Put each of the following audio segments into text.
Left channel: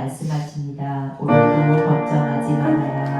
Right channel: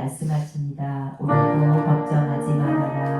말씀하십니다. 오늘도 걱정하지 말아라.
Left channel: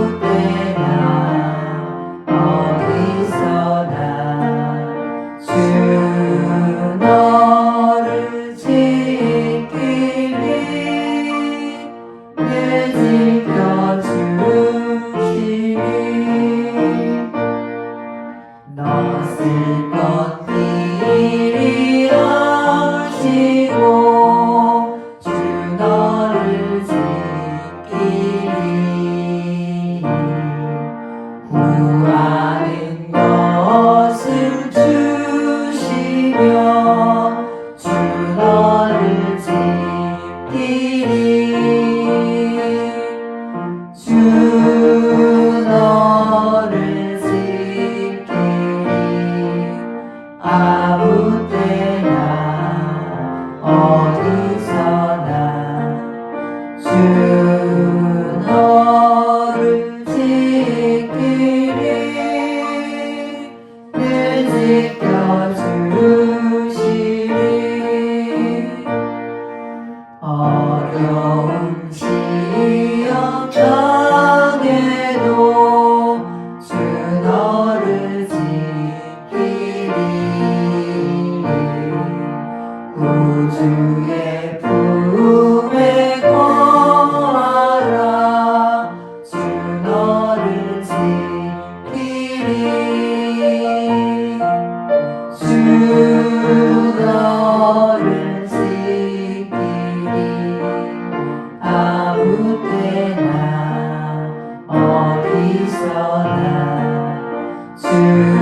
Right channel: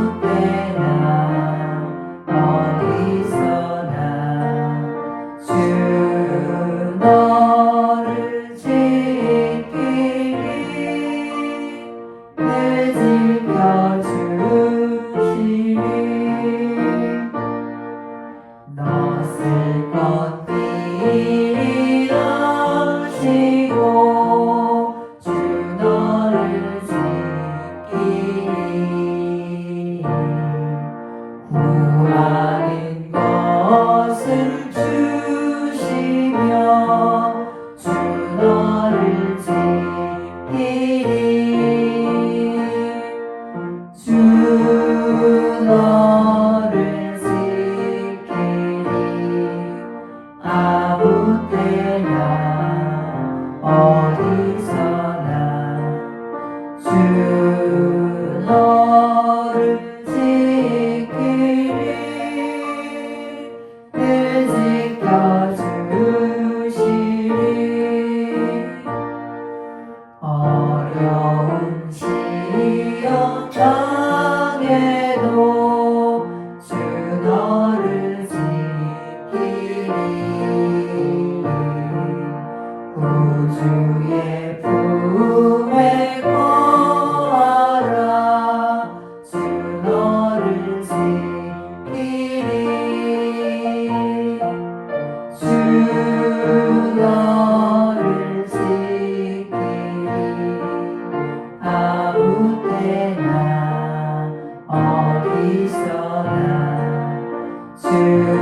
спасибо ты. 주의 품에 거하라. 주 너를 지키리. 주 너를 지키리. 아무 때나 어디서나 주